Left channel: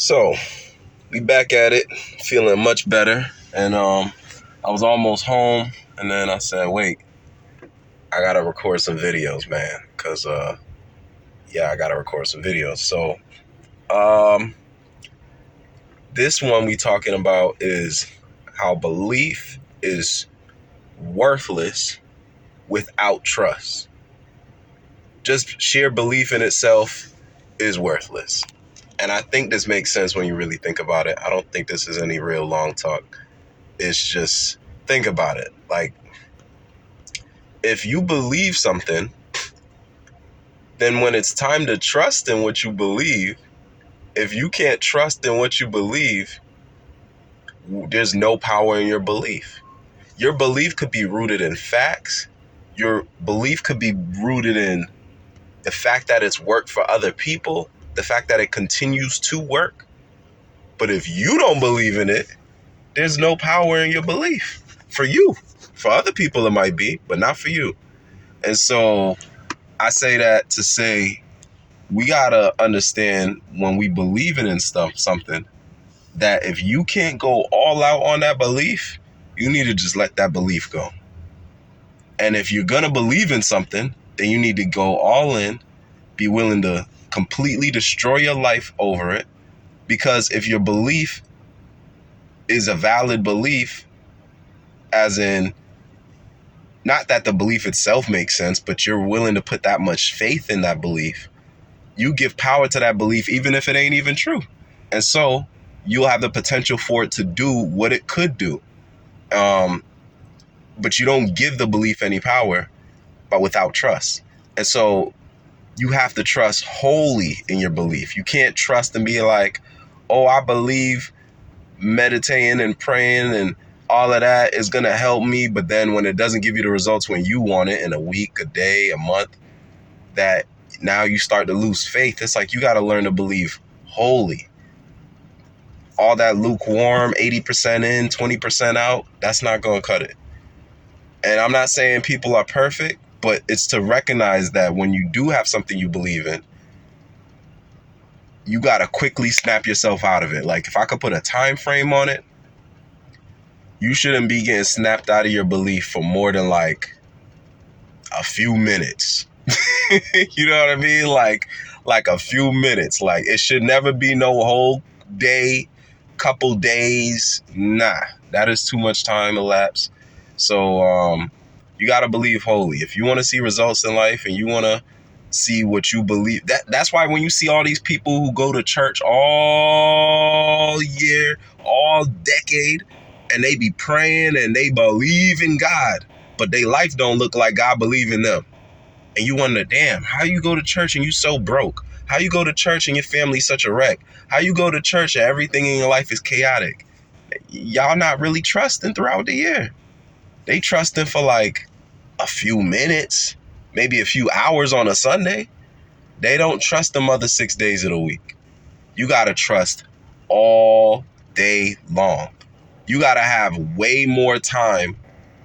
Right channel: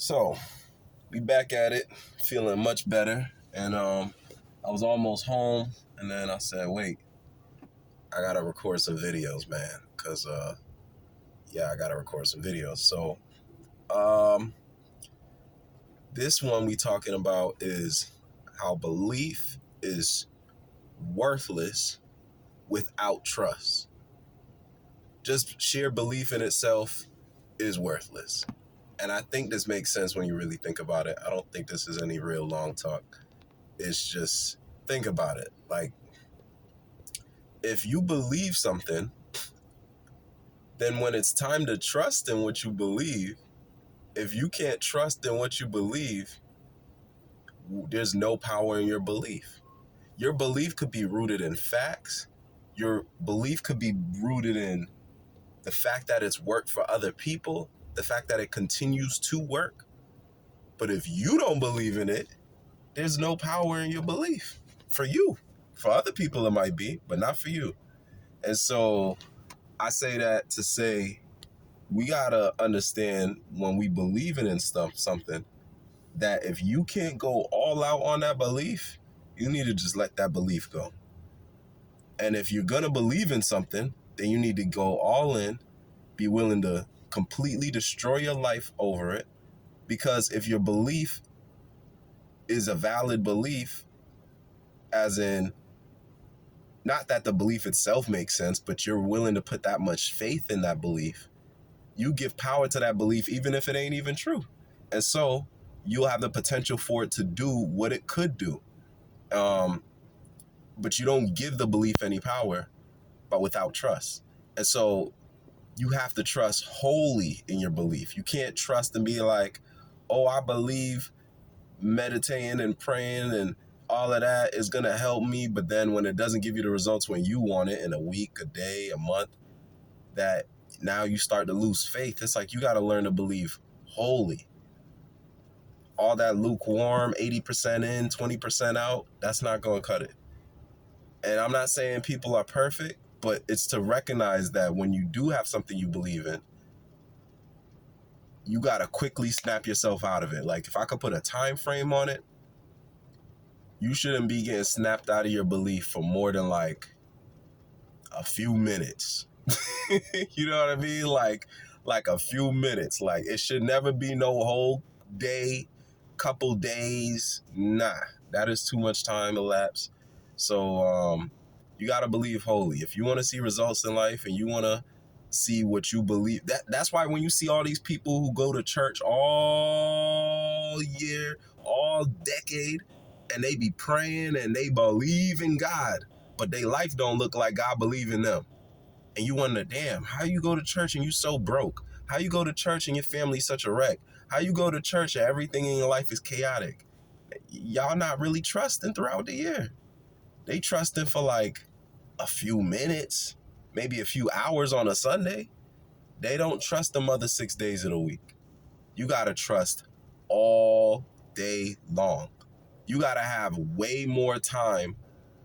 So, we back at it, feeling much better. And I was almost home, and then I said, wait, I gotta record some videos, man. Cause I gotta record some videos. So, this one we talking about is how belief is worthless without trust. Just sheer belief in itself is worthless. And I think this makes sense when you really think about it. I don't think this is any real long talk. It's just, think about it. Like, if you believe something, then when it's time to trust in what you believe, if you can't trust in what you believe, there's no power in your belief. Your belief could be rooted in facts. Your belief could be rooted in the fact that it's worked for other people, the fact that it continues to work. But if you don't believe in it, there's no power in your belief. For you. For other people it might be, but not for you. And so I say that to say we gotta understand when we believe in something, that if you can't go all out on that belief, you need to just let that belief go. And if you're gonna believe in something, then you need to go all in, be willing to completely destroy your life over it. Because if your belief is a valid belief, as in, not that the belief itself makes sense, but you're willing to put that much faith in that belief, you give power to that belief even if it ain't even true. And so you'll have the potential for it to do what it could do. But you don't give the belief any power, but without trust. And so you have to trust wholly in your belief. You can't trust and be like, oh, I believe meditating and praying and all of that is going to help me. But then when it doesn't give you the results when you want it, in a week, a day, a month, that now you start to lose faith. It's like you got to learn to believe wholly. All that lukewarm, 80% in, 20% out, that's not going to cut it. And I'm not saying people are perfect, but it's to recognize that when you do have something you believe in, you got to quickly snap yourself out of it. Like, if I could put a time frame on it, you shouldn't be getting snapped out of your belief for more than like a few minutes. You know what I mean? Like a few minutes. Like, it should never be no whole day, couple days. Nah, that is too much time elapsed. So you got to believe wholly. If you want to see results in life and you want to see what you believe, that's why when you see all these people who go to church all year, all decade, and they be praying and they believe in God, but their life don't look like God believe in them. And you wonder, damn, how you go to church and you so broke? How you go to church and your family's such a wreck? How you go to church and everything in your life is chaotic? Y'all not really trusting throughout the year. They trusting for like a few minutes, maybe a few hours on a Sunday. They don't trust them other 6 days of the week. You got to trust all day long. You got to have way more time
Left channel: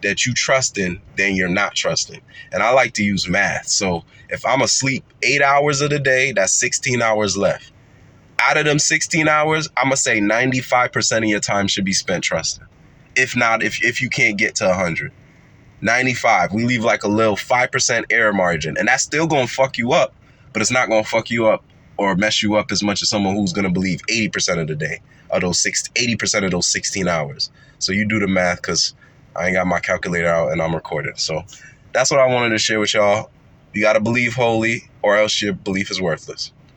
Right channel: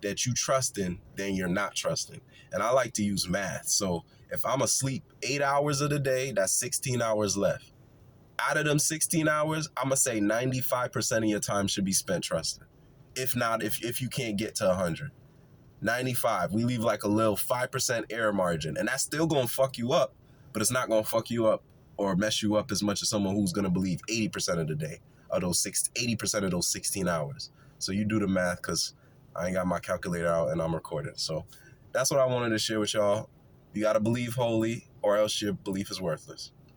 that you trust in than you're not trusting. And I like to use math. So if I'm asleep 8 hours of the day, that's 16 hours left. Out of them 16 hours, I'm going to say 95% of your time should be spent trusting. If not, if you can't get to 100. 95, we leave like a little 5% error margin. And that's still going to fuck you up, but it's not going to fuck you up or mess you up as much as someone who's going to believe 80% of the day, of those 80% of those 16 hours. So you do the math, because I ain't got my calculator out and I'm recording. So that's what I wanted to share with y'all. You got to believe wholly, or else your belief is worthless.